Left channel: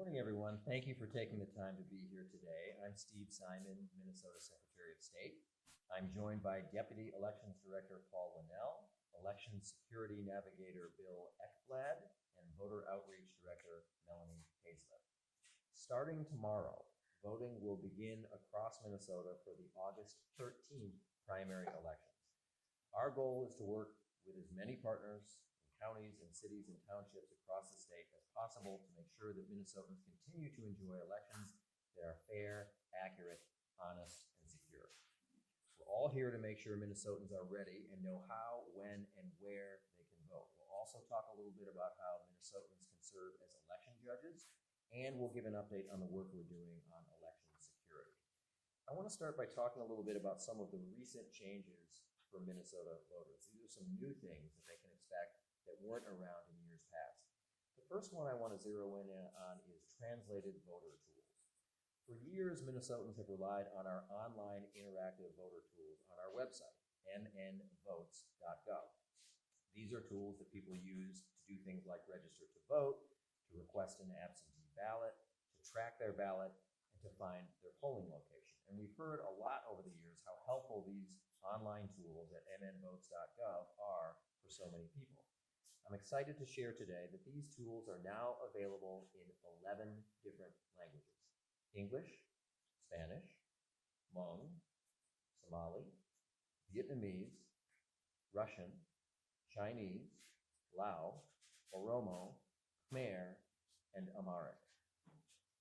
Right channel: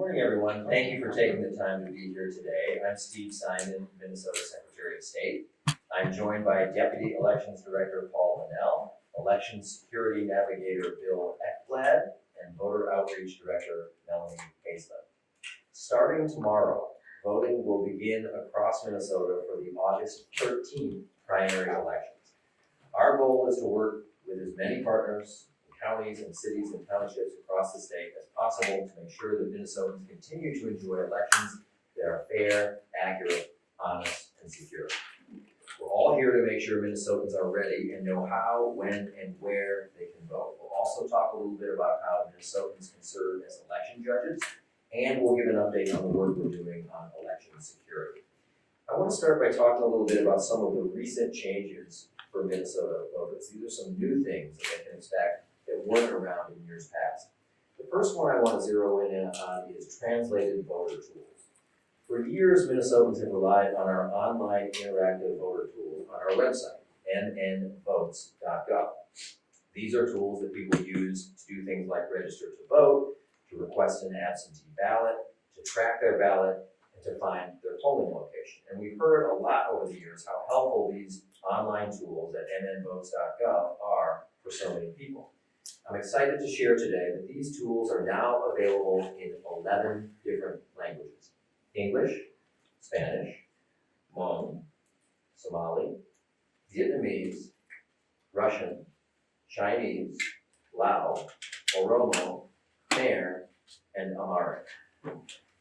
Morning, everyone. Thank you for taking the time to be here today. I'm Steve Simon, Minnesota Secretary of State. I'm joined by Deputy Elections Director Paul Linnell, Election Security Navigator Bill Ekblad, and Voter Outreach Director Melanie Hazelip. Starting tomorrow, voting will begin across Minnesota for the August 13th primary elections. Our goal is to work with as many partners, counties and cities and townships across the state as possible to make sure that Minnesotans continue to enjoy elections that are fair, accurate, honest, and secure. We're all here to make sure Minnesotans are ready and know how, when, and where they can vote. We'll also talk a little bit about how Minnesotans can serve as election judges, and we'll give an update on the work we're doing on election security. I want to start by talking a little bit about some of the recent changes for Minnesota voters. These are some new things that they can expect that weren't around in years past. The first one I want to zero in on is translated voter tools. For years, Minnesotans have relied on our online interactive voter tool on our website, nnvotes.gov. These are tools that people use to do things like register to vote, to request an absentee ballot, to track their ballot, and to find their polling location. And we've heard a lot over the years how helpful these online tools at nnvotes.gov are for so many people. I'm excited to share today that these tools are now available in 11 different languages: English, Spanish, Hmong, Somali, Vietnamese, Russian, Chinese, Lao, Oromo, Khmer, and Amharic.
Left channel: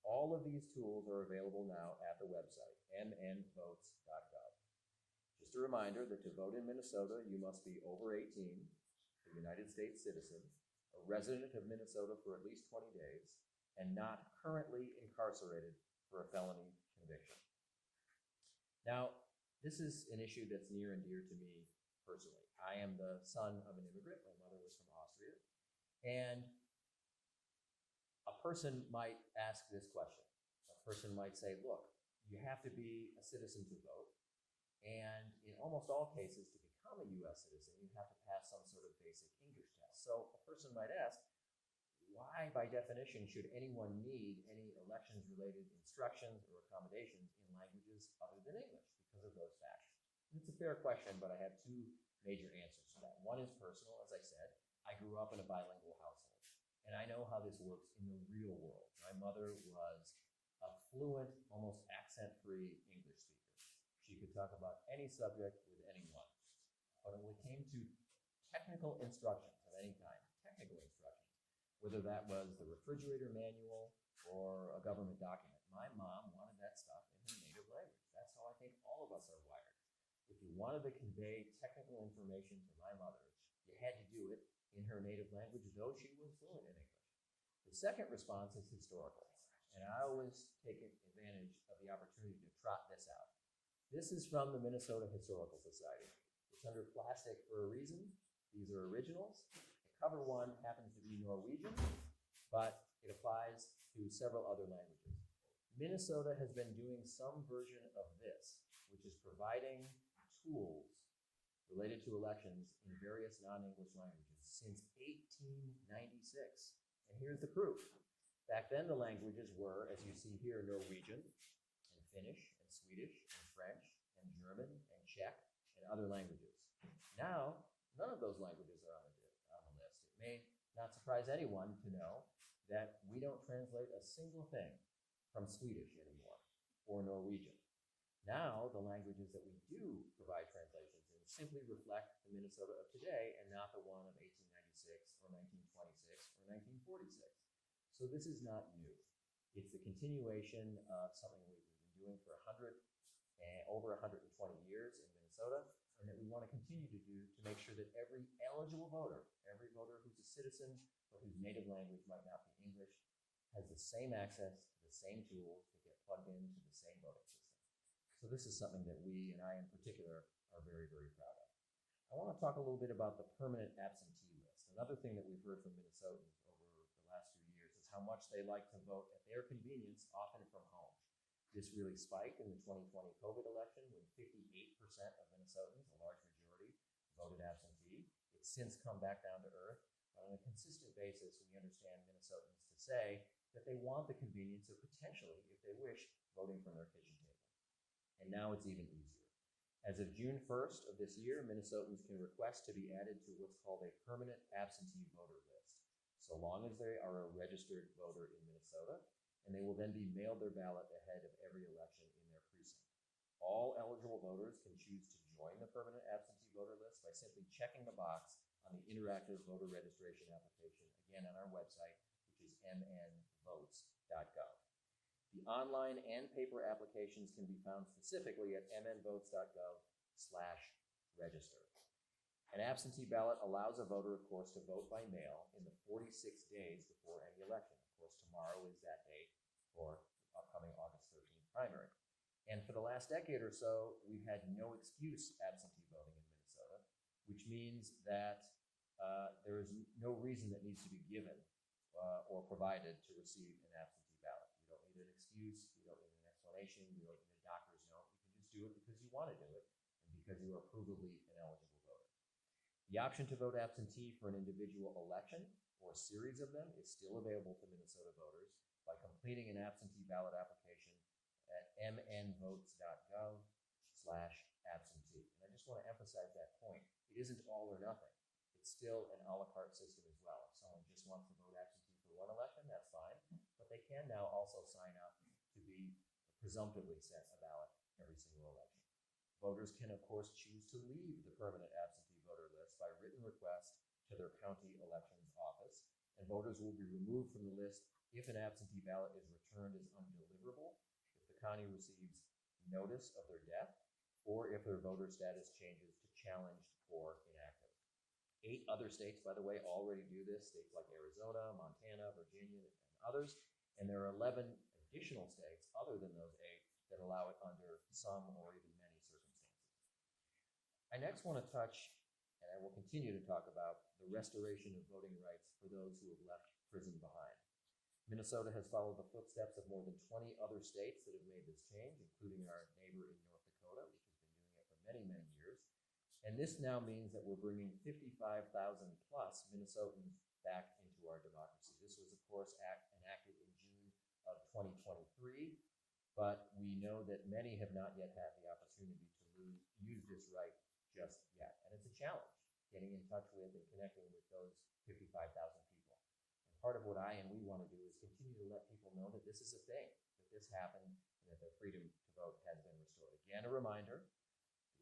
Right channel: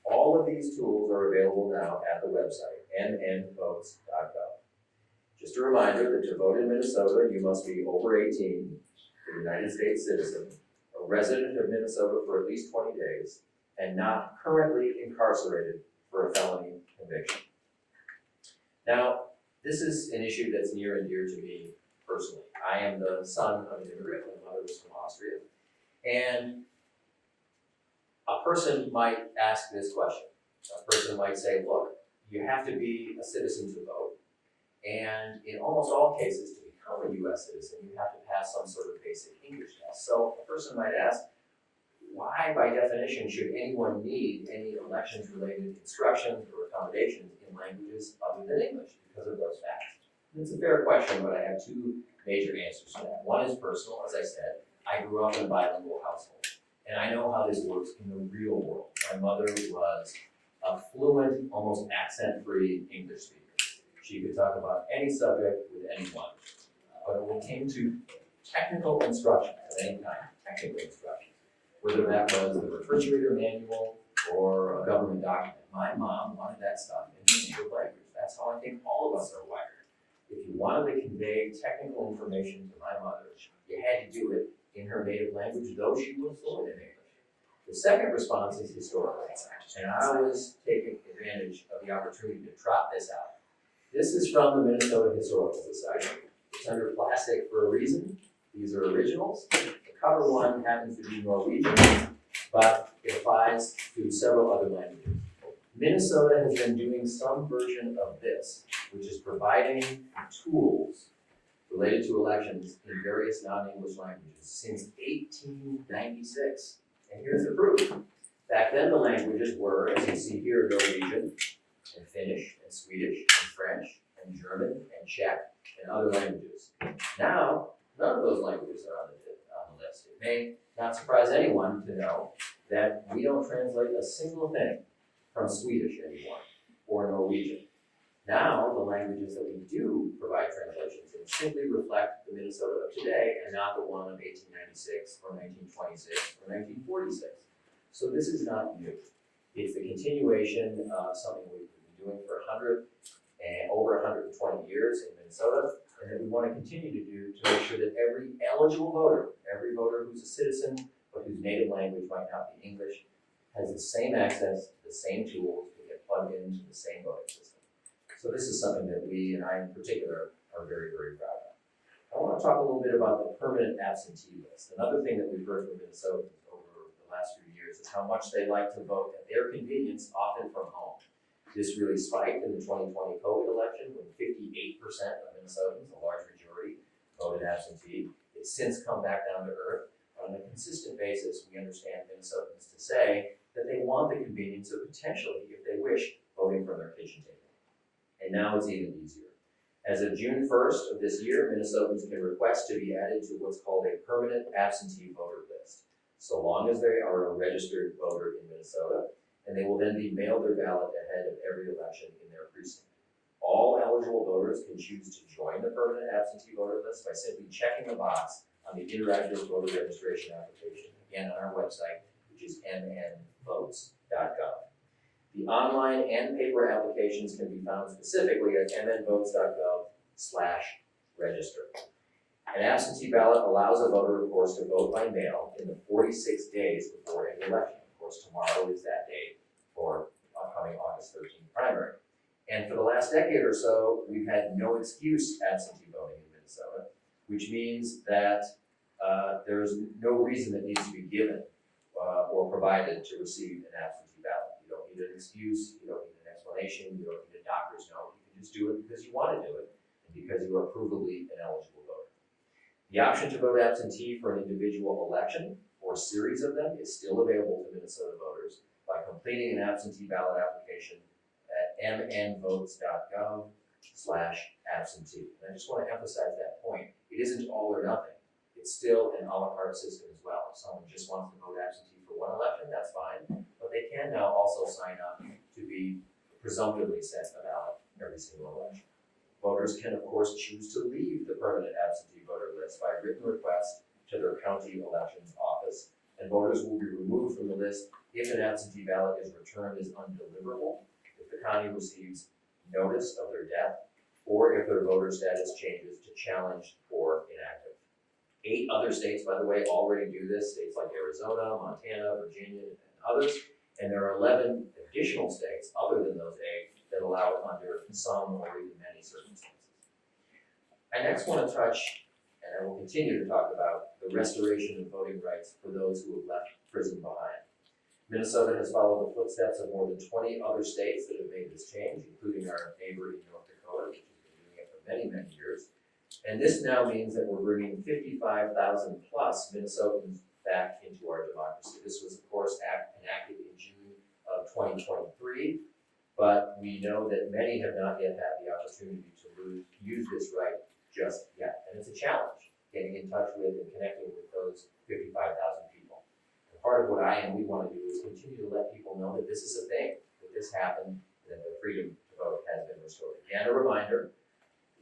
All of these tools are available now at the website, nnvotes.gov. Just a reminder that to vote in Minnesota, you must be over 18, a United States citizen, a resident of Minnesota for at least 20 days, and not currently incarcerated for a felony conviction. Now, this is an issue that's near and dear to me personally. I am the son of an immigrant. My mother was from Austria. And a person might ask this question. A person might say, look, you have to be a citizen to vote. And in almost all cases, to become a U.S. citizen, you have to pass some sort of basic English test. So a person might ask, why, by definition, should anyone need any elections-related instructions or accommodations in languages other than English because of those facts? And it's a fair question, but I have two major answers to that. One is personal. As I said, I grew up in a bilingual household, and I know how this works in the real world. My mother was a fluent, almost accent-free English speaker. She could talk about any subject with anyone. But when it came to technical instruction of any kind, whether that was the refrigerator manual or a government document, my mom wanted that stuff in her native language. That's how I think all of us are wired. If you wanted to convey technical information to my mother, you had to do it in her native language, though she was fluent in English. The second response is historical, and I was taking advantage of the opportunity to trot this out. This is from the Minnesota Historical Society. It's under plastic for a reason. These are originals. The cover one happens to be Norwegian, but it applies to several other languages. Minnesota has been doing some version of this, which is providing tools related to elections in various non-English languages since 1896. And here's the proof. Back then, the languages were, as you see here, Norwegian, and Finnish, and Swedish, and French, and German, and Czech, and other languages. Now, none of those languages are on the list. It may not surprise anyone to know that we don't translate a single thing from Swedish anymore, or Norwegian. Now, the languages that we do provide translations in simply reflect the Minnesota of today, and not the one of 1896, or 1926, or 1946. So this is not new. It's the continuation of something we've been doing for over 120 years in Minnesota, and that we want to continue to do to make sure that every eligible voter, every voter who's a citizen, but whose native language might not be English, has the same access to the same tools to get plugged into the same voting system. So this is something that we, and I in particular, are very, very proud of. I want to talk a little bit about the permanent absentee list. Another thing that we've heard from Minnesotans over the last few years is how much they like to vote at their convenience, often from home. This really spiked in the 2020 COVID election when 58% of Minnesotans, a large majority, voted absentee. It's since come back down to earth. On a consistent basis, we understand Minnesotans to say that they want the convenience of potentially, if they wish, voting from their kitchen table. And now it's even easier. As of June 1st of this year, Minnesotans can request to be added to what's called a permanent absentee voter list, so long as they are a registered voter in Minnesota, and they will then be mailed their ballot ahead of every election in their precinct. All eligible voters can choose to join the permanent absentee voter list by simply checking the box on the interactive voter registration application, again on our website, which is mnvotes.gov. The online and paper applications can be found specifically at mnvotes.gov/register. An absentee ballot allows a voter, of course, to vote by mail in the 46 days before any election. Of course, tomorrow is that date for upcoming August 13th primary. And for the last decade or so, we've had no excuse absentee voting in Minnesota, which means that there's no reason that needs to be given or provided to receive an absentee ballot. You don't need an excuse, you don't need an explanation, you don't need a doctor's note. You can just do it because you want to do it and because you are provably an eligible voter. The option to vote absentee for an individual election or series of them is still available to Minnesota voters by completing an absentee ballot application at mnvotes.gov/absentee. And I just want to emphasize that point. It isn't all or nothing. It's still an a la carte system as well. If someone just wants to vote absentee for one election, that's fine. But they can now also sign up to be presumptively sent a ballot every single election. Voters can, of course, choose to leave the permanent absentee voter list by written request to their county elections office, and voters will be removed from the list if an absentee ballot is returned as undeliverable, if the county receives notice of their death, or if their voter status changes to challenged or inactive. 8 other states, by the way, already do this, states like Arizona, Montana, Virginia, and others, and there are 11 additional states, other than those 8, that allow it under some or even many circumstances. I next want to touch, and I will continue to talk about, the restoration of voting rights for those who have left prison behind. Minnesota has followed the footsteps of more than 20 other states that have made this change, including our neighbor in North Dakota, which has been doing it for many, many years. And this now means that we're bringing 55,000 plus Minnesotans back into our democracy. This was, of course, enacted in June of 2023, but we know that many have not yet had the opportunity to use this right just yet. And it's a challenge getting in touch with and connecting with those 55,000 people. And part of what we want to do is continue to let people know that this is a thing, that this happened, and that the freedom to vote has been restored. Again, a reminder,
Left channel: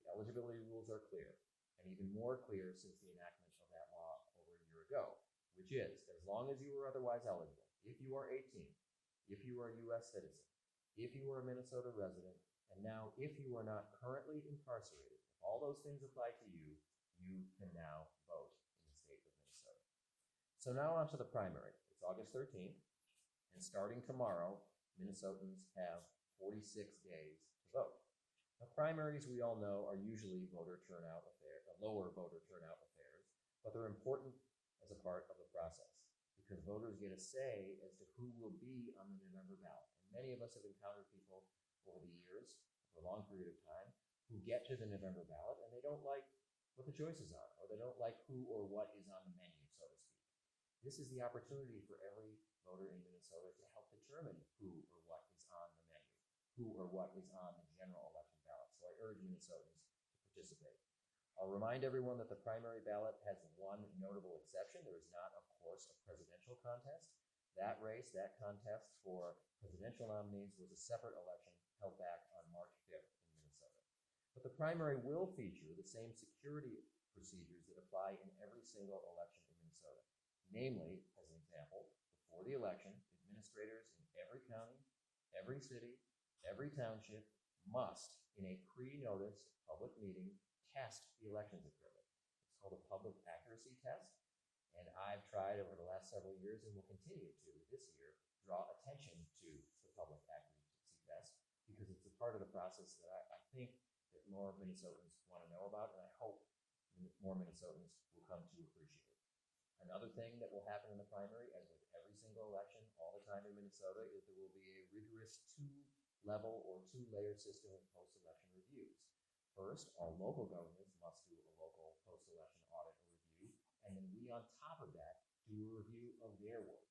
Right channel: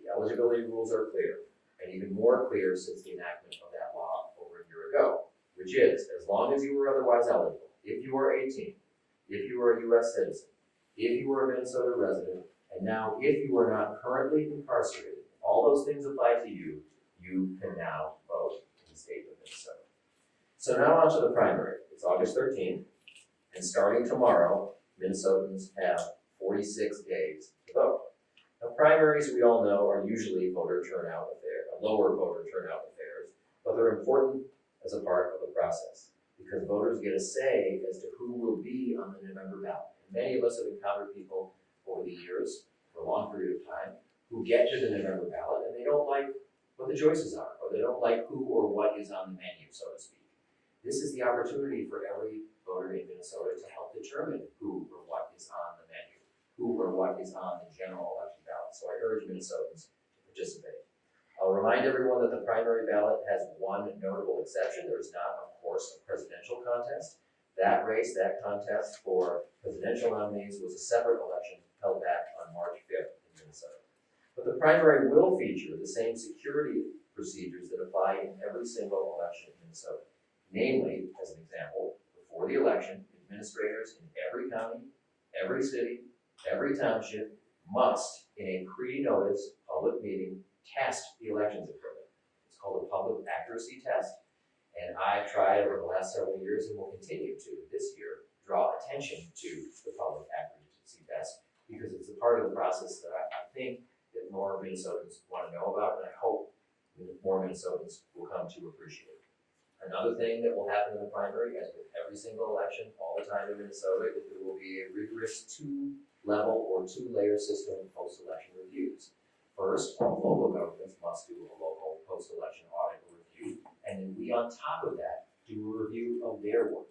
the eligibility rules are clear, and even more clear since the enactment of that law over a year ago, which is, as long as you were otherwise eligible, if you are 18, if you are a U.S. citizen, if you are a Minnesota resident, and now if you are not currently incarcerated, all those things apply to you, you can now vote in the state of Minnesota. So now on to the primary. It's August 13th, and starting tomorrow, Minnesotans have 46 days to vote. Now, primaries, we all know, are usually lower voter turnout affairs, but they're important as a part of the process because voters get a say as to who will be on the November ballot. And many of us have encountered people over the years, for a long period of time, who get to the November ballot and they don't like what the choices are, or they don't like who or what is on the menu, so to speak. This is the opportunity for every voter in Minnesota to help determine who or what is on the menu, who or what is on the general election ballot. So I urge Minnesotans to participate. I'll remind everyone that the primary ballot has one notable exception. There is not, of course, a presidential contest. That contest for presidential nominees was a separate election held back on March 5th in Minnesota. But the primary will feature the same security procedures that apply in every single election in Minnesota. Namely, as an example, before the election, administrators in every county, every city, every township must, in a pre-notice public meeting, test the elections equipment. It's called a public accuracy test, and I've tried over the last several years and will continue to this year draw attention to the public accuracy test because it's a part of the process that I think that more Minnesotans want to know about, and I hope more Minnesotans will come to appreciate. Another thing that will happen in the primary, as with every single election all the time in Minnesota, is there will be a rigorous 2-level or 2-layer system of post-election reviews. First, all local governments must do a local post-election audit or review, and then we, on top of that, do a review of their work.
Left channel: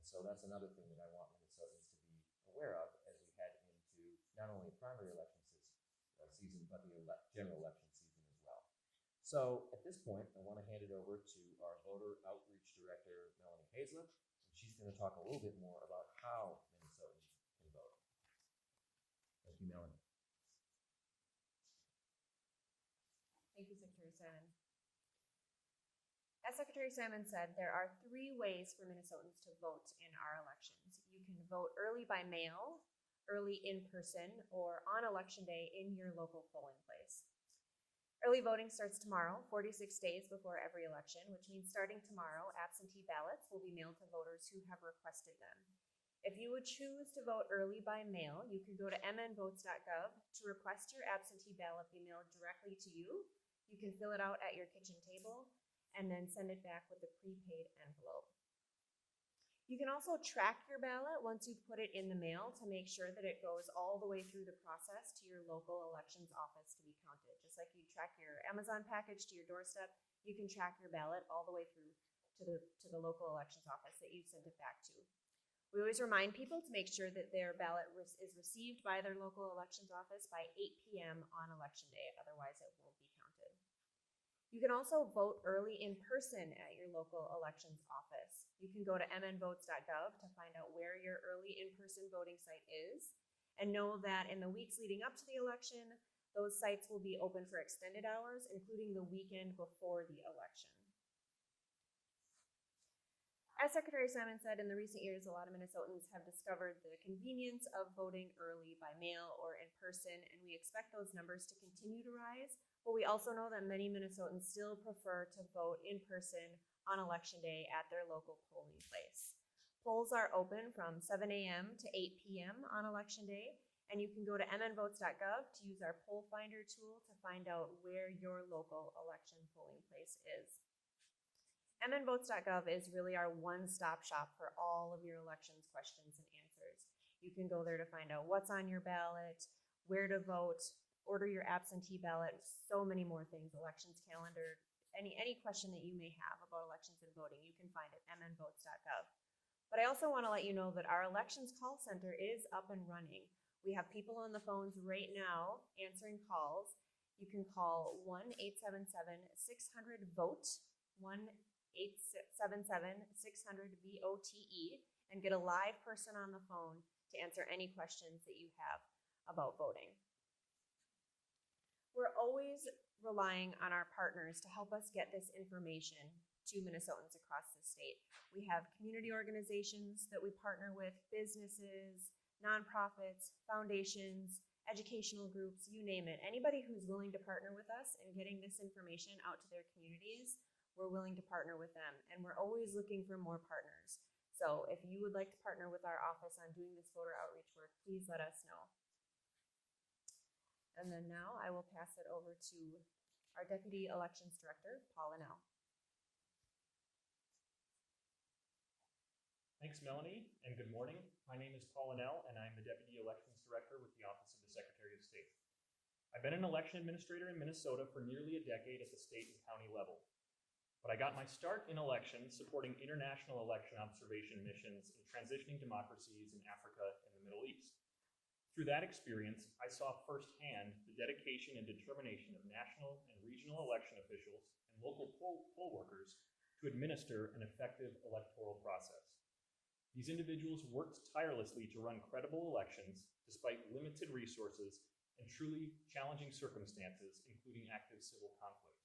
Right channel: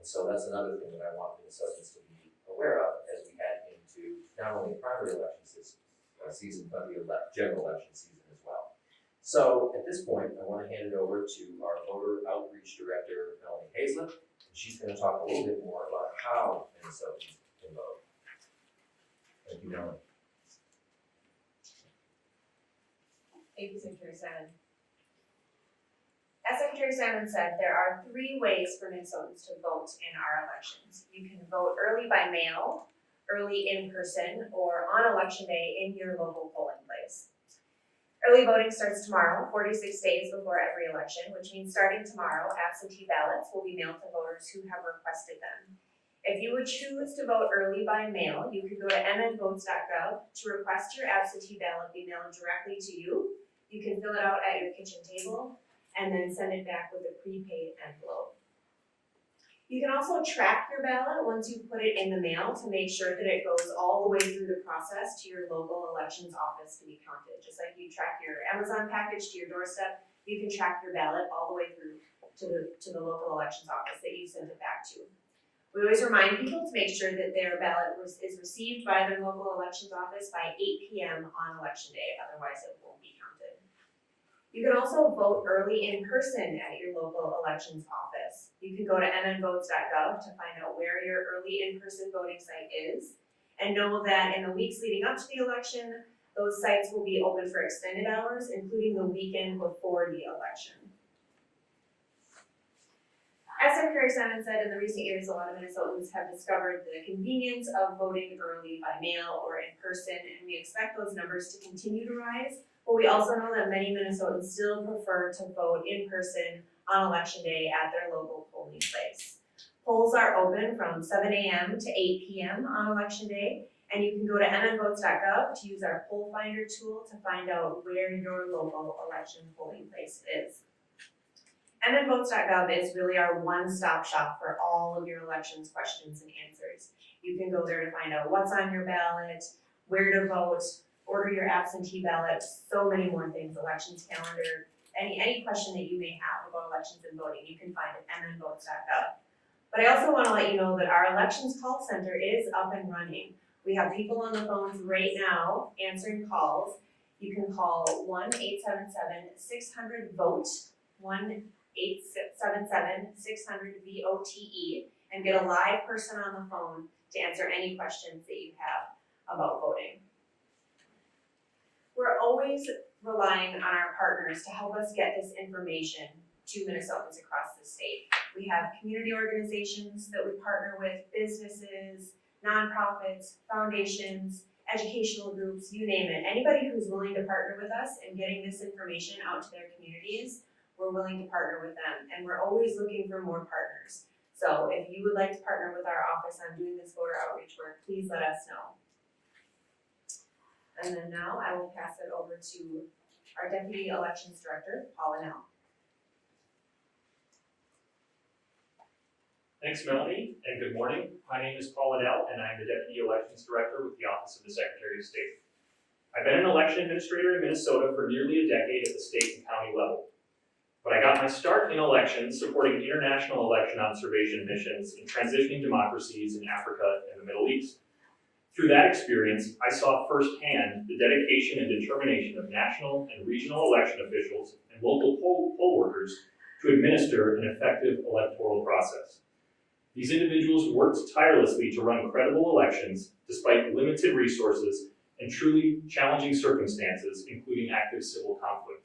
And so that's another thing that I want Minnesotans to be aware of as we head into not only the primary election season, but the general election season as well. So at this point, I want to hand it over to our voter outreach director, Melanie Hazelip, and she's going to talk a little bit more about how Minnesotans can vote. Thank you, Melanie. Thank you, Secretary Salmon. As Secretary Salmon said, there are 3 ways for Minnesotans to vote in our elections. You can vote early by mail, early in person, or on election day in your local polling place. Early voting starts tomorrow, 46 days before every election, which means starting tomorrow, absentee ballots will be mailed to voters who have requested them. If you would choose to vote early by mail, you could go to mnvotes.gov to request your absentee ballot be mailed directly to you. You can fill it out at your kitchen table and then send it back with a prepaid envelope. You can also track your ballot once you put it in the mail to make sure that it goes all the way through the process to your local elections office to be counted. Just like you track your Amazon package to your doorstep, you can track your ballot all the way through to the local elections office that you sent it back to. We always remind people to make sure that their ballot is received by their local elections office by 8 p.m. on election day, otherwise it won't be counted. You can also vote early in person at your local elections office. You can go to mnvotes.gov to find out where your early in-person voting site is, and know that in the weeks leading up to the election, those sites will be open for extended hours, including the weekend before the election. As Secretary Salmon said, in the recent years, a lot of Minnesotans have discovered the convenience of voting early by mail or in person, and we expect those numbers to continue to rise. But we also know that many Minnesotans still prefer to vote in person on election day at their local polling place. Polls are open from 7 a.m. to 8 p.m. on election day, and you can go to mnvotes.gov to use our poll finder tool to find out where your local election polling place is. mnvotes.gov is really our one-stop shop for all of your elections questions and answers. You can go there to find out what's on your ballot, where to vote, order your absentee ballot, so many more things, elections calendar, any question that you may have about elections and voting, you can find at mnvotes.gov. But I also want to let you know that our elections call center is up and running. We have people on the phones right now answering calls. You can call 1-877-600-VOTE, 1-877-600-VOTE, and get a live person on the phone to answer any questions that you have about voting. We're always relying on our partners to help us get this information to Minnesotans across the state. We have community organizations that we partner with, businesses, nonprofits, foundations, educational groups, you name it. Anybody who's willing to partner with us in getting this information out to their communities, we're willing to partner with them, and we're always looking for more partners. So if you would like to partner with our office on doing this voter outreach work, please let us know. And then now I will pass it over to our Deputy Elections Director, Linnell. Thanks, Melanie, and good morning. My name is Linnell, and I'm the Deputy Elections Director with the Office of the Secretary of State. I've been an election administrator in Minnesota for nearly a decade at the state and county level. But I got my start in elections supporting international election observation missions in transitioning democracies in Africa and the Middle East. Through that experience, I saw firsthand the dedication and determination of national and regional election officials and local poll workers to administer an effective electoral process. These individuals worked tirelessly to run credible elections despite limited resources and truly challenging circumstances, including active civil conflict.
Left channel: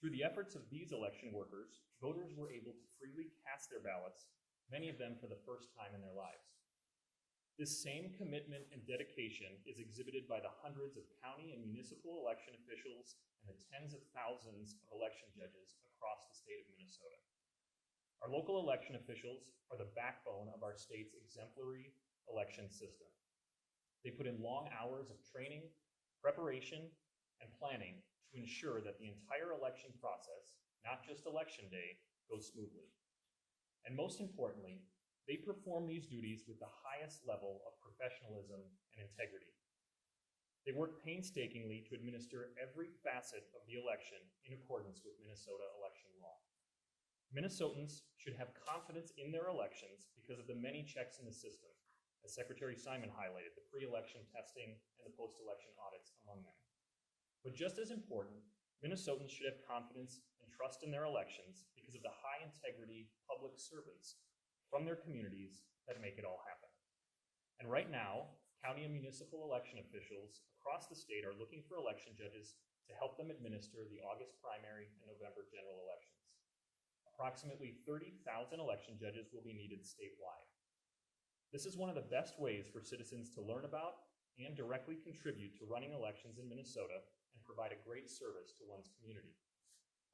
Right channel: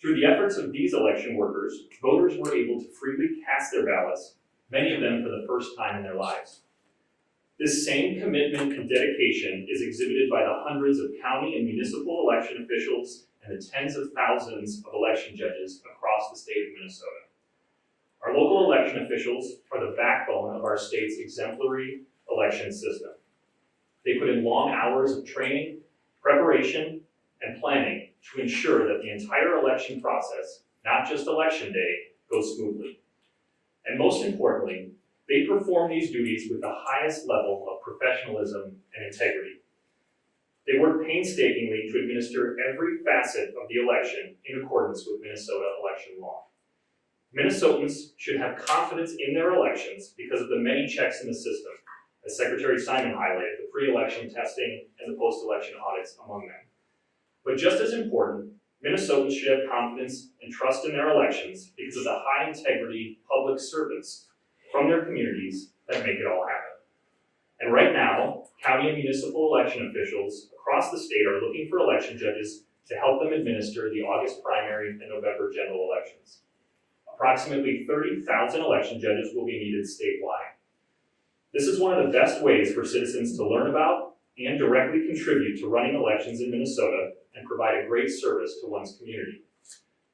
Through the efforts of these election workers, voters were able to freely cast their ballots, many of them for the first time in their lives. This same commitment and dedication is exhibited by the hundreds of county and municipal election officials and the tens of thousands of election judges across the state of Minnesota. Our local election officials are the backbone of our state's exemplary election system. They put in long hours of training, preparation, and planning to ensure that the entire election process, not just election day, goes smoothly. And most importantly, they perform these duties with the highest level of professionalism and integrity. They work painstakingly to administer every facet of the election in accordance with Minnesota election law. Minnesotans should have confidence in their elections because of the many checks in the system, as Secretary Simon highlighted, the pre-election testing and the post-election audits among them. But just as important, Minnesotans should have confidence and trust in their elections because of the high integrity public servants from their communities that make it all happen. And right now, county and municipal election officials across the state are looking for election judges to help them administer the August primary and November general elections. Approximately 30,000 election judges will be needed statewide. This is one of the best ways for citizens to learn about and directly contribute to running elections in Minnesota and provide a great service to one's community.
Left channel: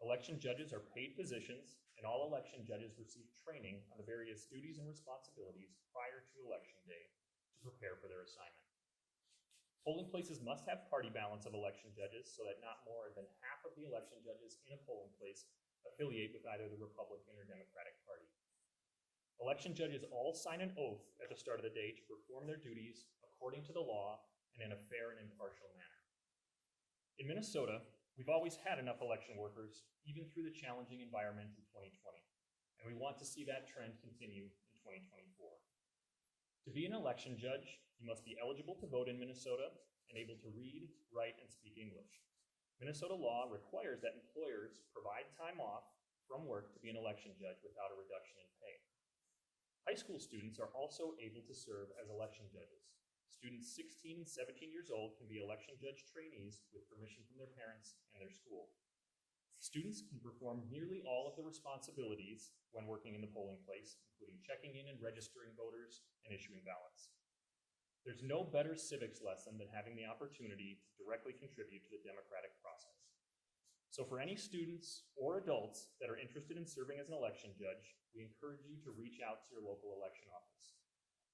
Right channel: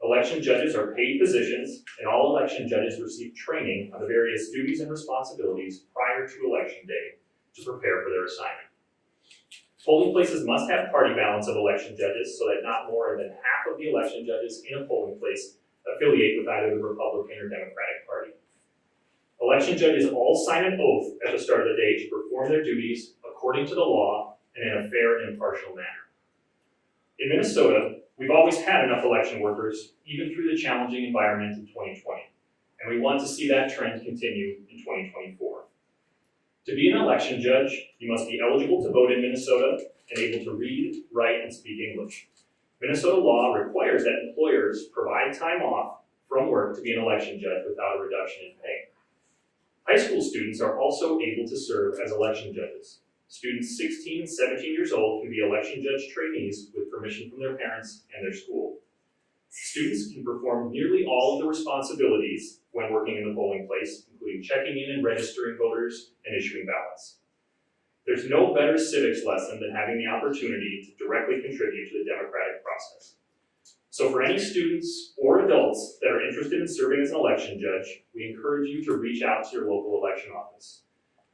Election judges are paid positions, and all election judges receive training on the various duties and responsibilities prior to election day to prepare for their assignment. Polling places must have party balance of election judges so that not more than half of the election judges in a polling place affiliate with either the Republican or Democratic Party. Election judges all sign an oath at the start of the day to perform their duties according to the law and in a fair and impartial manner. In Minnesota, we've always had enough election workers, even through the challenging environment in 2020, and we want to see that trend continue in 2024. To be an election judge, you must be eligible to vote in Minnesota and able to read, write, and speak English. Minnesota law requires that employers provide time off from work to be an election judge without a reduction in pay. High school students are also able to serve as election judges. Students 16 and 17 years old can be election judge trainees with permission from their parents and their school. Students can perform nearly all of the responsibilities when working in the polling place, including checking in and registering voters and issuing ballots. There's no better civics lesson than having the opportunity to directly contribute to the democratic process. So for any students or adults that are interested in serving as an election judge, we encourage you to reach out to your local election office.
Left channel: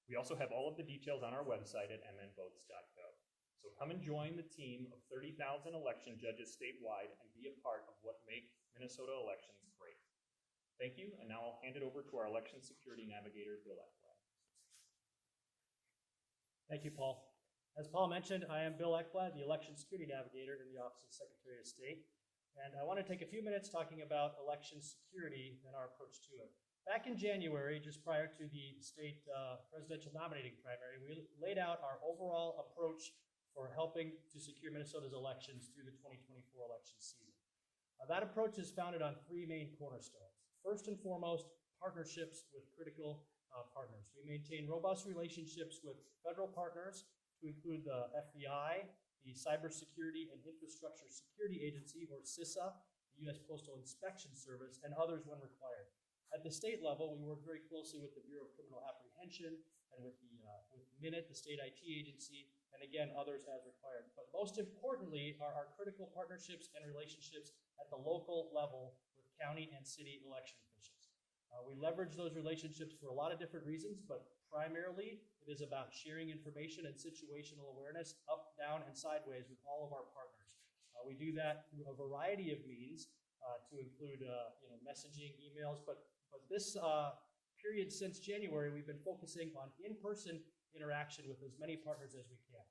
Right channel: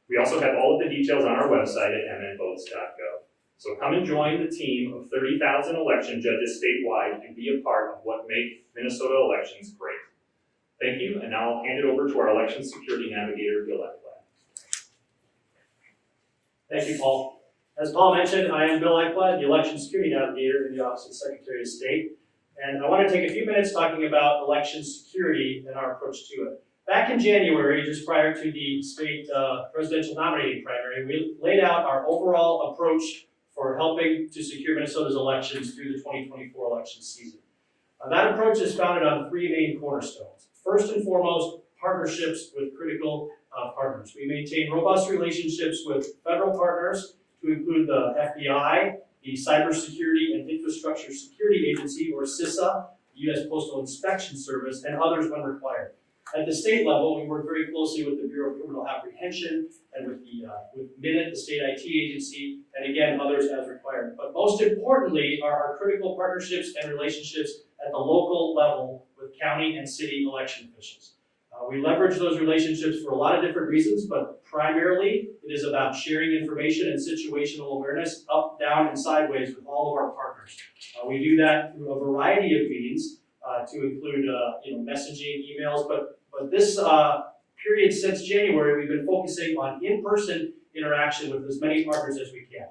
We also have all of the details on our website at mnvotes.gov. So come and join the team of 30,000 election judges statewide and be a part of what make Minnesota elections great. Thank you, and now I'll hand it over to our election security navigator, Bill Ekblad. Thank you, Paul. As Paul mentioned, I am Bill Ekblad, the election security navigator in the Office of the Secretary of State. And I want to take a few minutes talking about election security and our approach to it. Back in January, just prior to the state presidential nominating primary, we laid out our overall approach for helping to secure Minnesota's elections through the 2024 election season. That approach is founded on three main cornerstones. First and foremost, partnerships with critical partners. We maintain robust relationships with federal partners to include the FBI, the Cybersecurity and Infrastructure Security Agency, or CISA, the U.S. Postal Inspection Service, and others when required. At the state level, we work very closely with the Bureau of Criminal Apprehension and with MINIT, the state IT agency, and again, others as required. But most importantly are our critical partnerships and relationships at the local level with county and city election officials. We leverage those relationships for a lot of different reasons, but primarily it is about sharing information and situational awareness up, down, and sideways with all of our partners. We do that through a variety of means to include messaging, emails, but this period since January, we've been focusing on in-person interaction with as many partners as we can.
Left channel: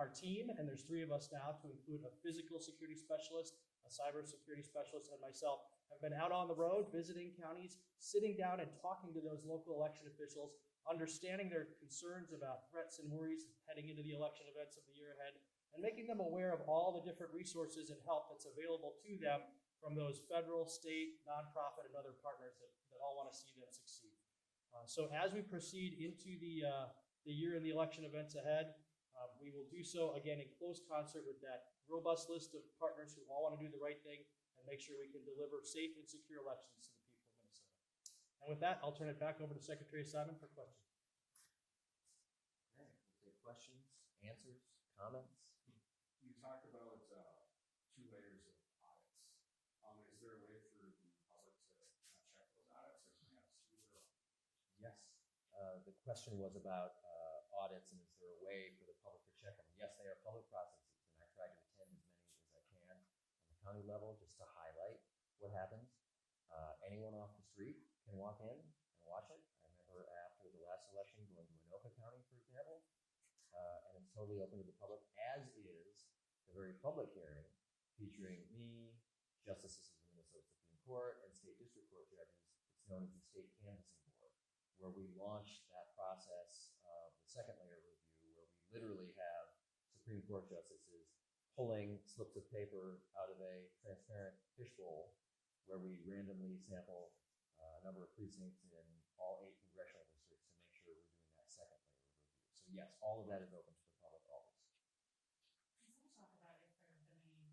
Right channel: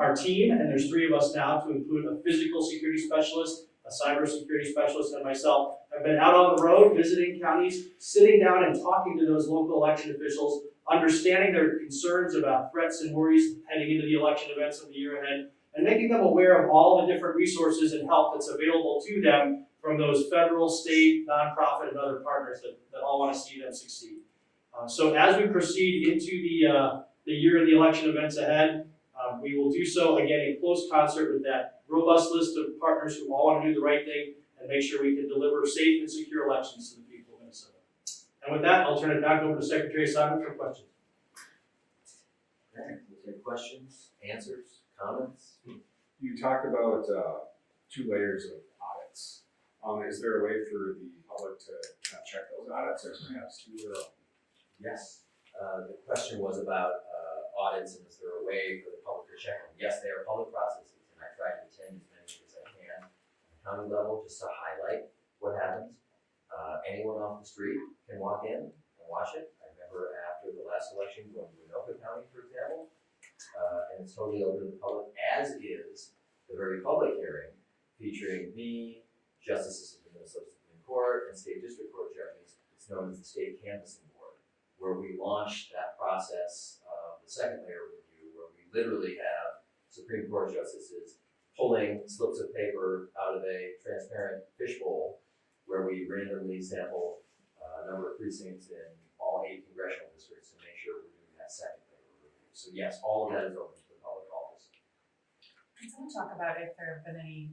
Our team, and there's three of us now, to include a physical security specialist, a cybersecurity specialist, and myself, have been out on the road visiting counties, sitting down and talking to those local election officials, understanding their concerns about threats and worries heading into the election events of the year ahead, and making them aware of all the different resources and help that's available to them from those federal, state, nonprofit, and other partners that all want to see them succeed. So as we proceed into the year of the election events ahead, we will do so again in close concert with that robust list of partners who all want to do the right thing and make sure we can deliver safe and secure elections to the people of Minnesota. And with that, I'll turn it back over to Secretary Simon for questions. Okay, we'll take questions, answers, comments. You talked about 2 layers of audits. Is there a way for the public to kind of check those audits, or perhaps 2 or? Yes. The question was about audits, and is there a way for the public to check them? Yes, they are public processes, and I try to attend as many as I can at the county level just to highlight what happens. Anyone off the street can walk in and watch it. I remember after the last election going to Anoka County, for example, and it's totally open to the public, as is the very public hearing featuring me, justices of the Minnesota Supreme Court, and State District Court Judges It's known as the State Canvassing Board, where we launched that process of the second layer of review, where we literally have Supreme Court justices pulling slips of paper out of a transparent fishbowl, where we randomly sample a number of precincts in all 8 congressional districts to make sure we're doing that second layer of review. So yes, all of that is open to the public always. Can someone talk about if there have been any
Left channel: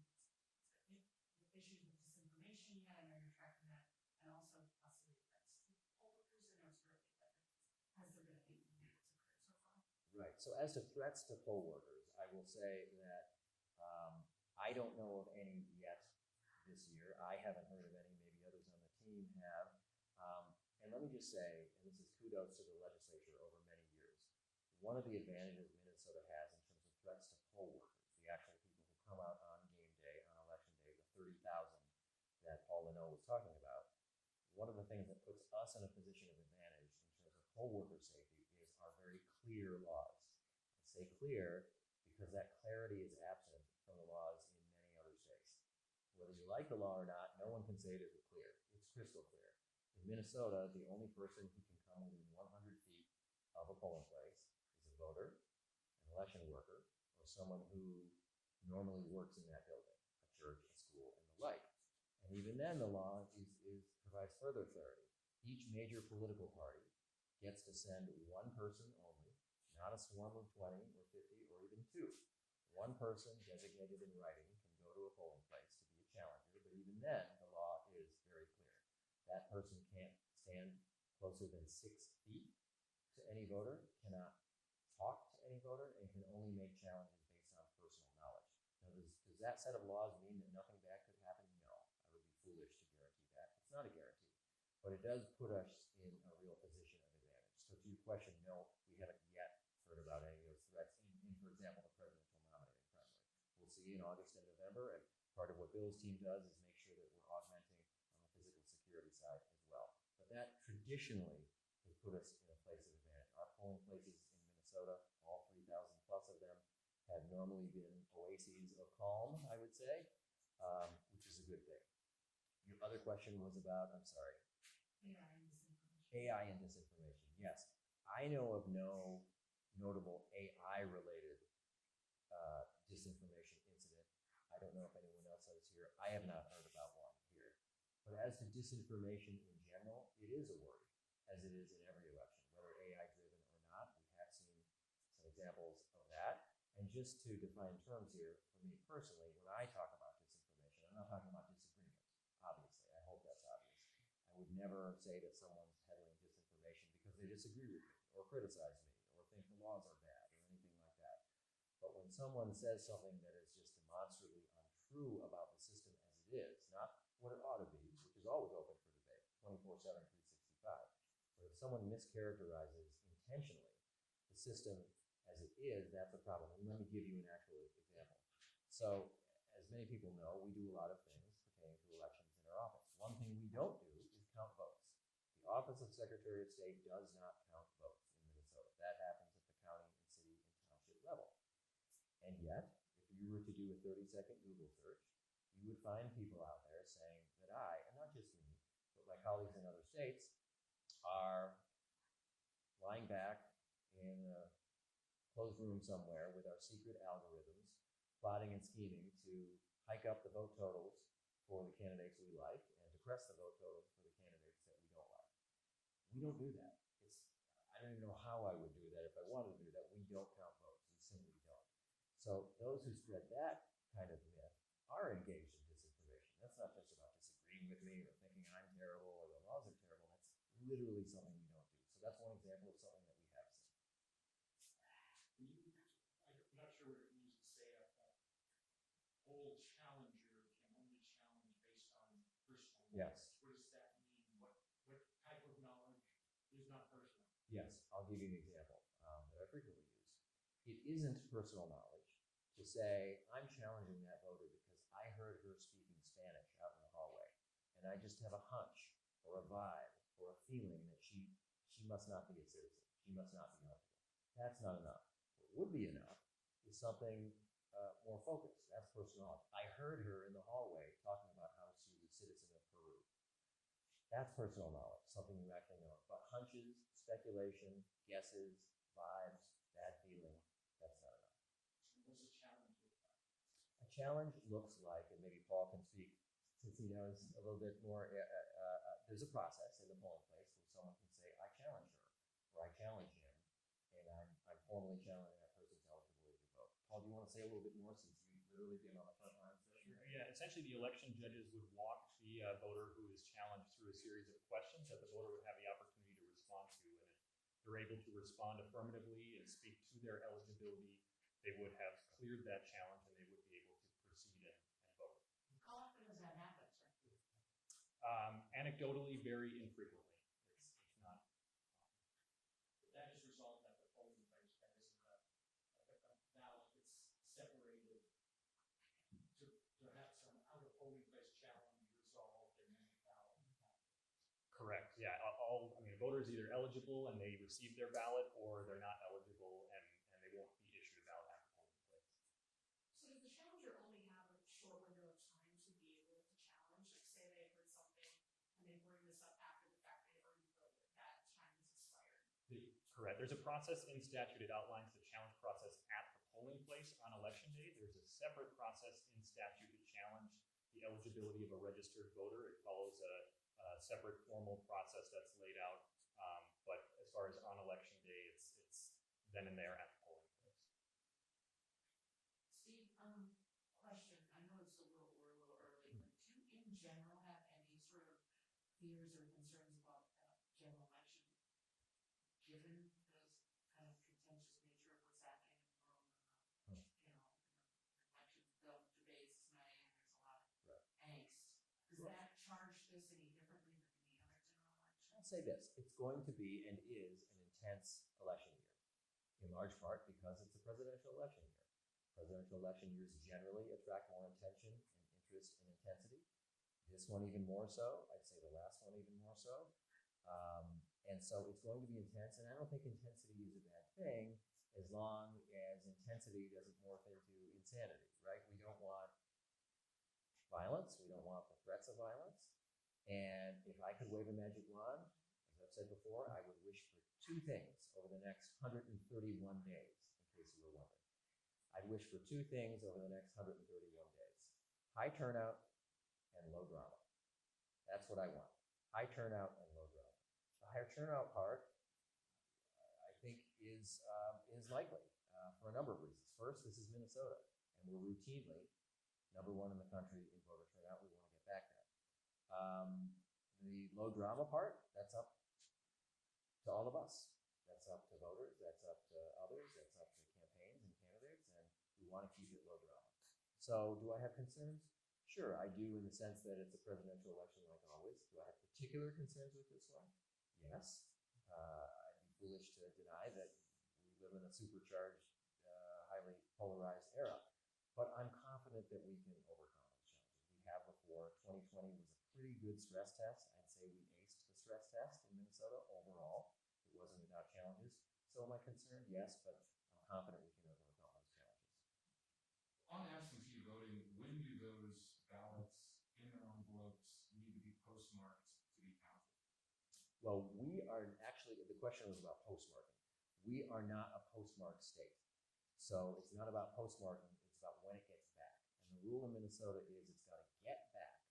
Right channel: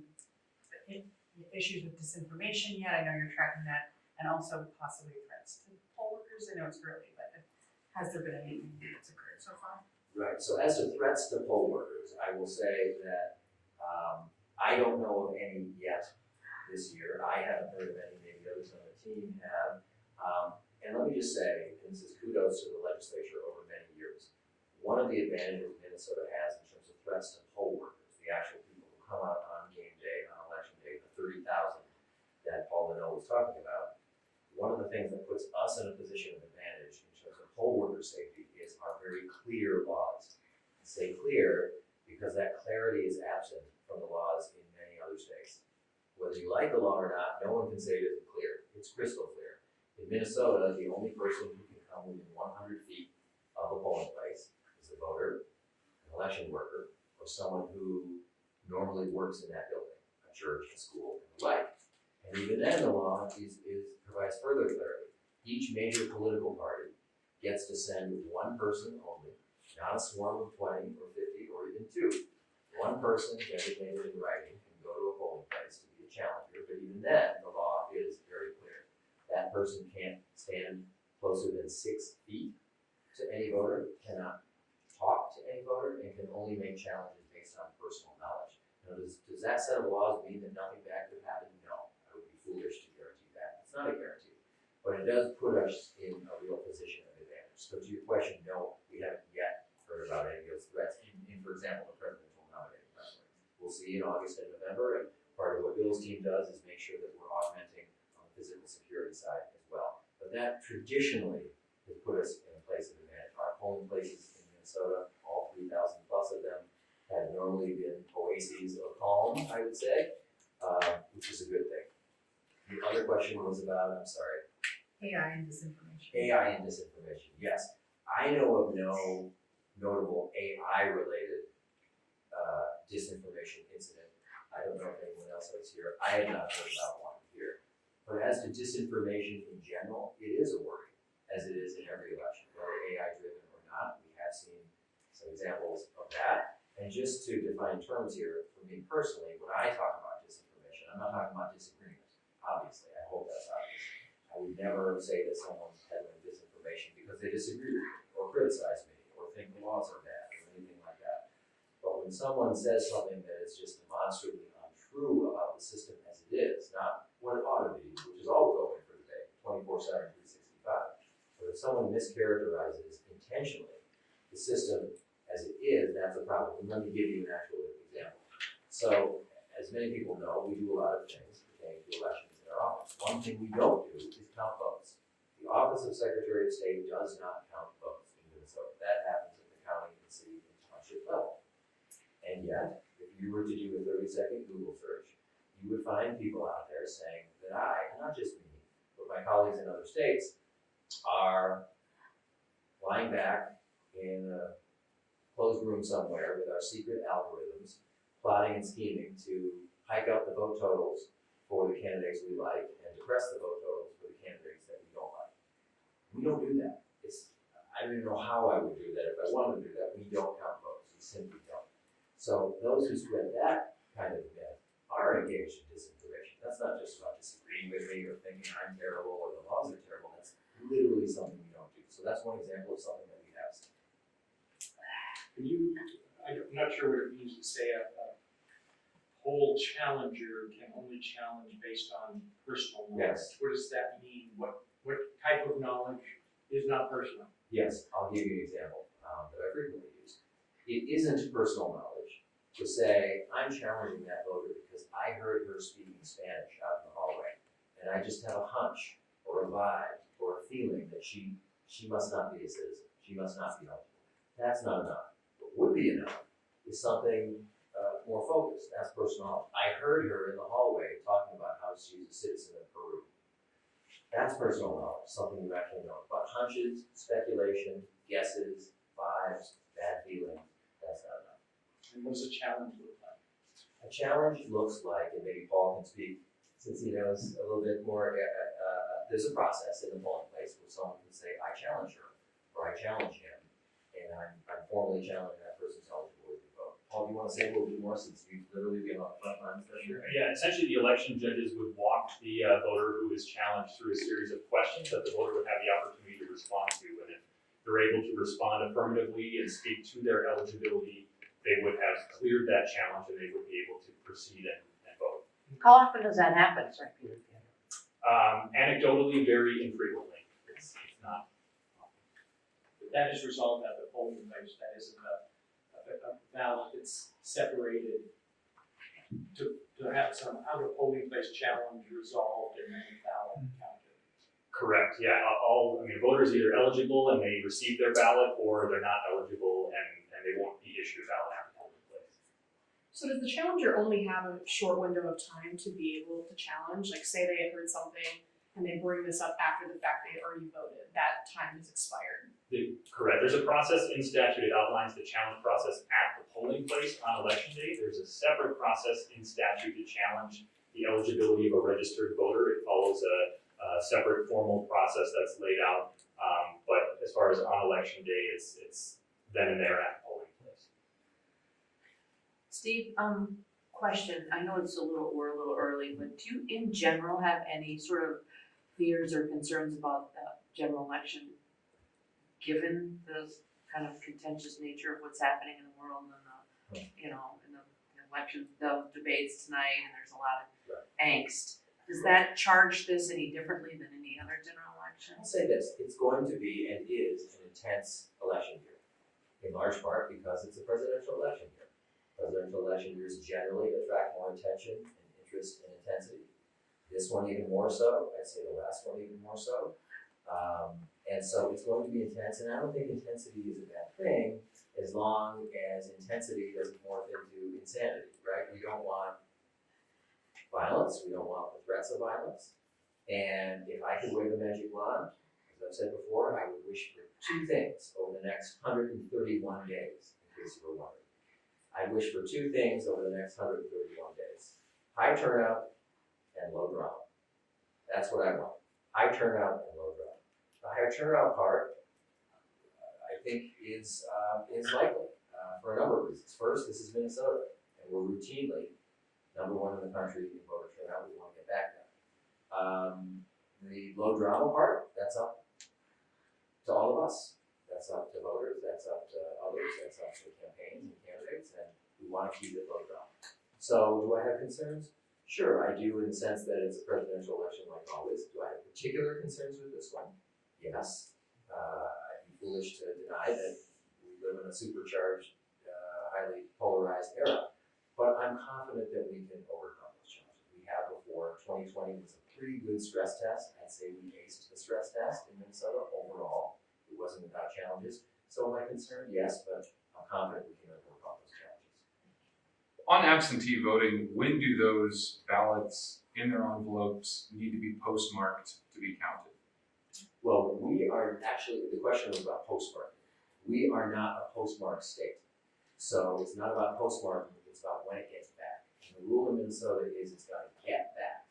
issues with disinformation yet? I know you're tracking that, and also possibly threats to poll workers. I know it's early, but has there been anything that's occurred so far? Right, so as to threats to poll workers, I will say that I don't know of any yet this year. I haven't heard of any, maybe others on the team have. And let me just say, and this is kudos to the legislature over many years, one of the advantages Minnesota has in terms of threats to poll workers, the actual people who come out on game day, on election day, the 30,000 that Paul Linnell was talking about, one of the things that puts us in a position of advantage in terms of poll worker safety is our very clear laws. I say clear because that clarity is absent from the laws in many other states. Whether you like the law or not, no one can say it isn't clear. It's crystal clear. In Minnesota, the only person who can come within 100 feet of a polling place is a voter, an election worker, or someone who normally works in that building, a church, a school, and the like. And even then, the law provides further clarity. Each major political party gets to send one person only, not a swarm of 20 or 50 or even 2. One person designated in writing can go to a polling place to be a challenger, but even then, the law is very clear. That person can't stand closer than 6 feet to any voter, cannot talk to any voter, and can only make challenges based on personal knowledge. Now, does that set of laws mean that nothing bad could happen? No. I would be foolish to guarantee that. It's not a guarantee. But it does put us in a real position of advantage. So to your question, no, we haven't yet heard about any of those threats in for example, the presidential nominating primary. We'll see in August and November, and part of what Bill's team does is make sure that we're augmenting on the physical security side as well. But that traditionally has put us in a place of advantage. Our polling places in Minnesota, all 3,000 plus of them, have normally been oases of calm, I would say, which is a good thing. The other question was about, I'm sorry. AI and disinformation. AI and disinformation, yes. I know of no notable AI-related disinformation incident. I don't know if anyone else was here. I had not heard about one here. But as to disinformation in general, it is a worry, as it is in every election, whether AI-driven or not. We have seen some examples of that. And just to define terms here, for me personally, when I talk about disinformation, I'm not talking about disagreement, obviously. I hope that's obvious. I would never say that someone's peddling disinformation because they disagree with me or criticize me or think the laws are bad or anything like that. But when someone says something that is just demonstrably untrue about the system as it is, not what it ought to be, which is always open for debate, 24/7, 365. But if someone mischaracterizes intentionally the system as it is, that's a problem. And let me give you an actual example. So, as many people know, we do a lot of things pertaining to elections in our office. One thing we don't do is count votes. The Office of Secretary of State does not count votes in Minnesota. That happens at the county and city and township level. And yet, if you were to do a 30-second Google search, you would find people out there saying that I, not just me, but my colleagues in other states, are lying back in a closed room somewhere with our secret algorithms, plotting and scheming to hike up the vote totals for the candidates we like and depress the vote totals for the candidates that we don't like. We don't do that. I don't even know how I would do that if I wanted to do that. We don't count votes. We simply don't. So those who spread that kind of myth are engaged in disinformation. That's not just about disagreeing with me or thinking I'm terrible or the laws are terrible. That's literally something we don't do. So that's one example of something that we have seen. I'm not sure what it means to say a poll challenger can only challenge based on personal knowledge. Yes. What does that mean? What type of knowledge is not personal? Yes, I'll give you an example that I frequently use. It isn't personal knowledge to say, I'm challenging that voter because I heard her speaking Spanish out in the hallway, and I just have a hunch or a vibe or a feeling that she must not be a citizen. She must not be eligible. That's not enough. What would be enough is something more focused. That's personal knowledge. I heard her in the hallway talking about how she's a citizen of Peru. That's personal knowledge, something you actually know. But hunches, speculation, guesses, vibes, bad feelings, that's not enough. And what does a challenge look like? A challenge looks like, and maybe Paul can speak, since he knows a little bit more, there's a process in the polling place where someone can say, I challenge her, or I challenge him, and I'm formally challenging that person's eligibility to vote. Paul, do you want to say a little bit more, since you've literally been on the front lines this year? Yeah, essentially the election judges would walk the voter who is challenged through a series of questions that the voter would have the opportunity to respond to. And if they're able to respond affirmatively and speak to their eligibility, they would have cleared that challenge and they would be able to proceed and vote. How often does that happen, sir? Anecdotally, very infrequently. It's not. But that is resolved at the polling place, that isn't a ballot that's separated to have some out of polling place challenge resolved and then the ballot counted. Correct, yeah, voters either eligible and they receive their ballot, or they're not eligible and they won't be issued a ballot after polling place. So does the challenger only have a short window of time to be able to challenge? Like say they had heard something and they bring this up after the fact they had already voted, that time has expired. Correct, there's a process in statute, it outlines the challenge process at the polling place on election day. There's a separate process in statute to challenge the eligibility of a registered voter. It follows a separate formal process that's laid out, but as far as on election day, it's then and there at the polling place. Steve, question, I know we're a little early, but do you in general have any sort of fears or concerns about the general election, given the kind of contentious nature of what's happening in the world and the, in the election, the debates tonight, and there's a lot of angst. Does that charge this any differently than any other general election? I'll say this, it's going to be and is an intense election year, in large part because it's a presidential election year. Presidential election years generally attract more attention and interest and intensity. This one even more so, I'd say the last one even more so. And so it's going to be intense, and I don't think intensity is a bad thing as long as intensity doesn't morph into insanity, right? We don't want violence, we don't want the threats of violence. And if I could wave a magic wand, as I've said before, I would wish for two things over the next 131 days, in case you were wondering. I wish for two things over the next 131 days. High turnout and low drama. That's what I want. High turnout and low drama. The higher turnout part, I think, is likely for a number of reasons. First, this is Minnesota, and we're routinely #1 in the country in voter turnout. We want to get back there. The low drama part, that's up to all of us. That's up to voters. That's up to others. That's up to campaigns and candidates, and we want to keep it low drama. So, do I have concerns? Sure, I do, in the sense that it's a presidential election like always. Do I have particular concerns with this one? Yes. I'd be foolish to deny that we live in a supercharged, highly polarized era. But I'm confident that we can overcome those challenges. We have before. 2020 was a pretty good stress test. I'd say we aced the stress test in Minnesota overall. It wasn't without challenges. So am I concerned? Yes, but I'm confident we can overcome those challenges. On absentee voting, when do those ballots in their envelopes need to be postmarked to be counted? Well, we are actually, the question was about postmarking. We are not a postmark state. So it's not about postmarking, it's about when it gets back. And the rule in Minnesota is it's got to get back,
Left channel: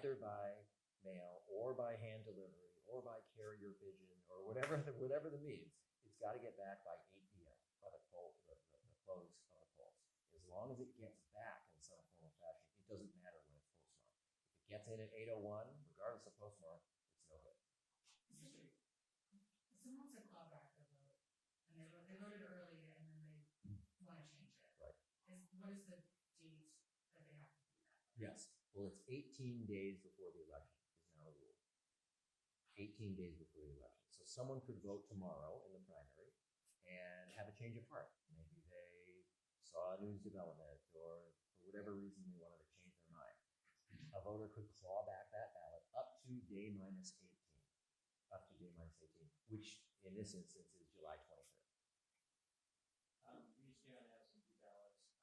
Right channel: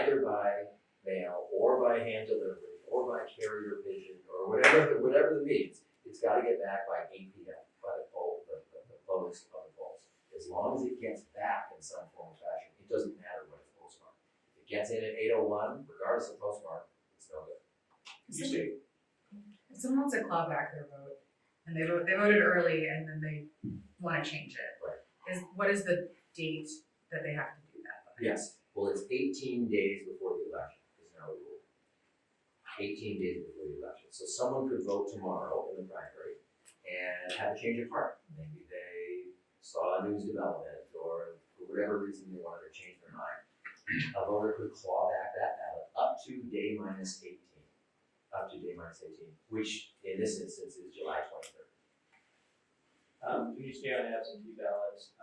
either by mail or by hand delivery or by carrier pigeon or whatever the means. It's got to get back by 8 p.m. by the close of the polls. As long as it gets back in some form or fashion, it doesn't matter when it's postmarked. If it gets in at 8:01, regardless of postmark, it's no good. If someone wants to claw back their vote, and they voted early, and then they want to change it, Right. what is the date that they have to do that by? Yes, well, it's 18 days before the election is now the rule. 18 days before the election. So someone could vote tomorrow in the primary and have a change of heart. Maybe they saw a news development or for whatever reason they wanted to change their mind. A voter could claw back that ballot up to day minus 18. Up to day minus 18, which in this instance is July 23rd. When you stay on absentee ballots,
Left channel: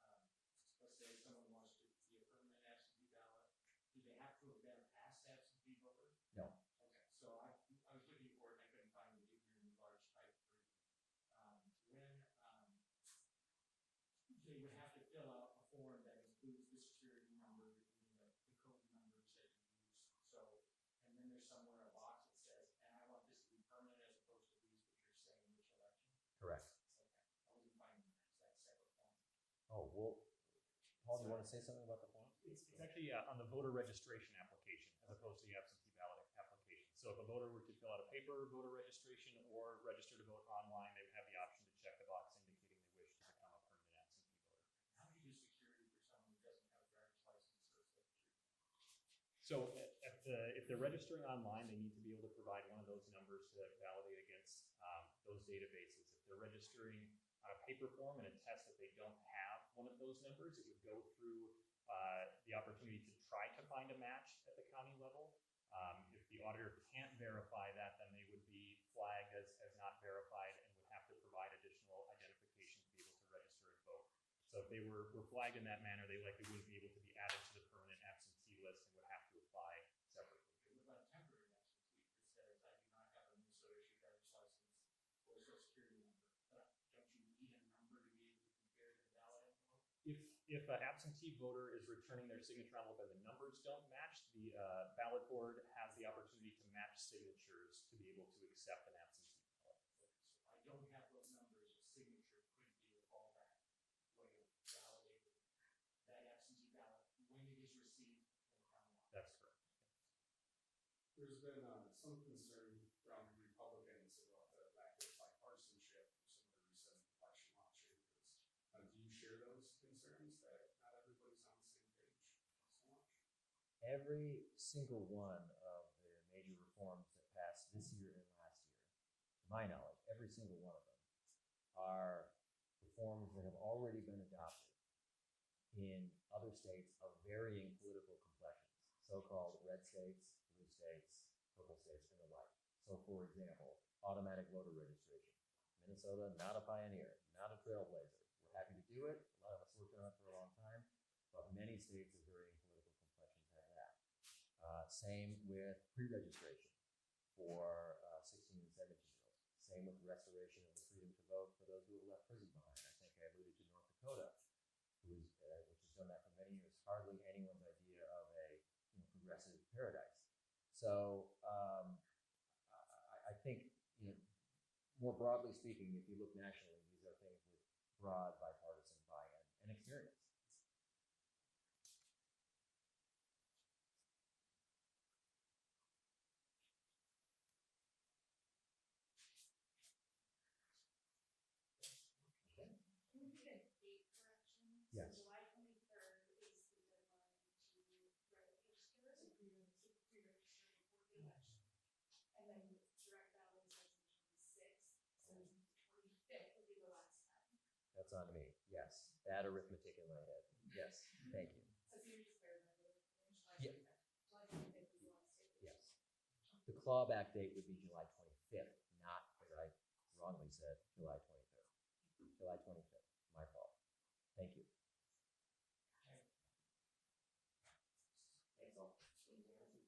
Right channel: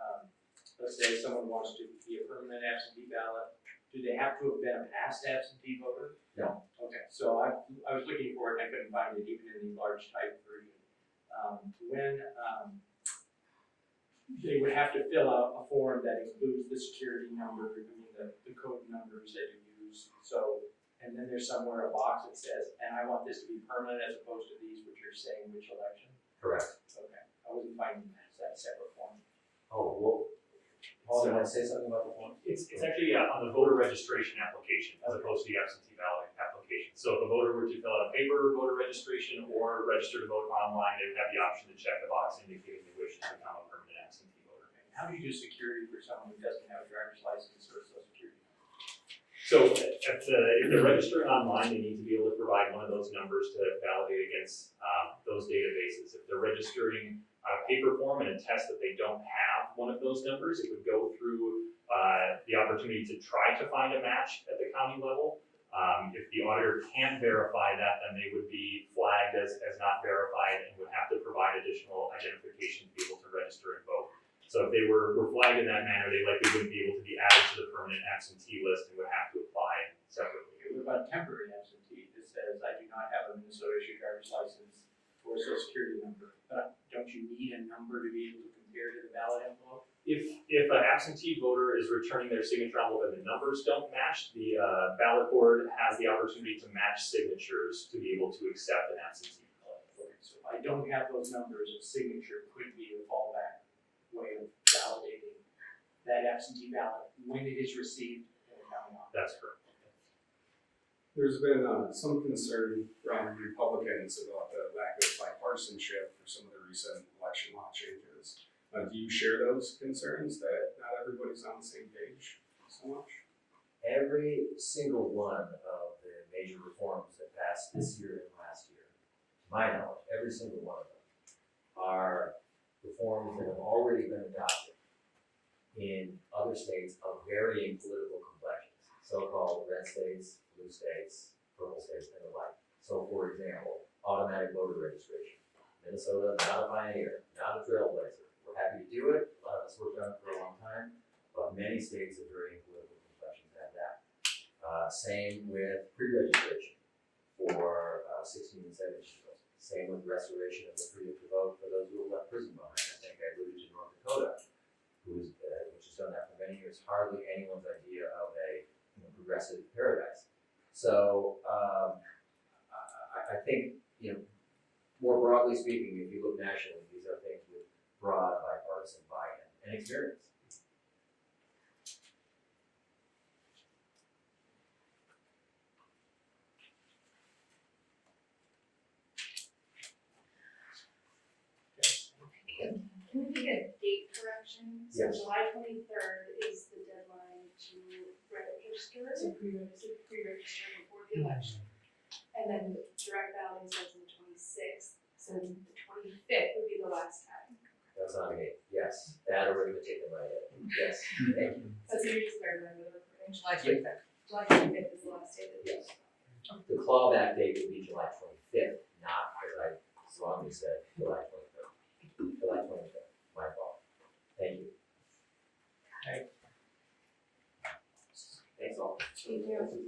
let's say someone wants to be a permanent absentee ballot, do they have to have been a past absentee voter? No. Okay, so I was looking for it, and I couldn't find it even in the large type version. When they would have to fill out a form that includes the security number, the code numbers that you use, so, and then there's somewhere a box that says, and I want this to be permanent as opposed to these which are saying which election. Correct. Okay, I wasn't finding that separate form. Oh, well, Paul, you want to say something about the form? It's actually on the voter registration application as opposed to the absentee ballot application. So if a voter were to fill out a paper voter registration or register to vote online, they would have the option to check the box indicating they wish to become a permanent absentee voter. How do you do security for someone who doesn't have a driver's license or social security? So if they're registering online, they need to be able to provide one of those numbers to validate against those databases. If they're registering on a paper form and a test that they don't have one of those numbers, it would go through the opportunity to try to find a match at the county level. If the auditor can't verify that, then they would be flagged as not verified and would have to provide additional identification to be able to register and vote. So if they were flagged in that manner, they likely wouldn't be able to be added to the permanent absentee list and would have to apply separately. What about temporary absentee that says, I do not have a Minnesota issued driver's license or a social security number, but don't you need a number to be able to compare to the ballot envelope? If an absentee voter is returning their signature envelope and the numbers don't match, the ballot board has the opportunity to match signatures to be able to accept an absentee ballot. Okay, so if I don't have those numbers, a signature could be a fallback way of validating that absentee ballot when it is received in the county office. That's correct. There's been some concern from Republicans about the lack of bipartisanship for some of the recent election law changes. Do you share those concerns that not everybody's on the same page so much? Every single one of the major reforms that passed this year and last year, to my knowledge, every single one of them are reforms that have already been adopted in other states of varying political complexions, so-called red states, blue states, purple states, and the like. So, for example, automatic voter registration. Minnesota, not a pioneer, not a trailblazer. We're happy to do it. A lot of us worked on it for a long time, but many states of varying political complexions have that. Same with pre-registration for 16 and 17-year-olds. Same with restoration of the freedom to vote for those who have left prison behind. I think I alluded to North Dakota, which has done that for many years. Hardly anyone's idea of a progressive paradise. So I think, more broadly speaking, if you look nationally, these are things with broad bipartisan buy-in and experience. Can we make a date correction? So Yes. July 23rd is the deadline to register, to pre-register before the election. And then direct balloting starts on the 26th, so the 25th would be the last time. That's on me. Yes, that arithmetic in my head. Yes, thank you. That's what you just learned, remember the recording? July 25th. July 25th is the last day that Yes. The clawback date would be July 25th, not, as I strongly said, July 23rd. July 25th, my fault. Thank you. Okay. Thanks all. Thank you.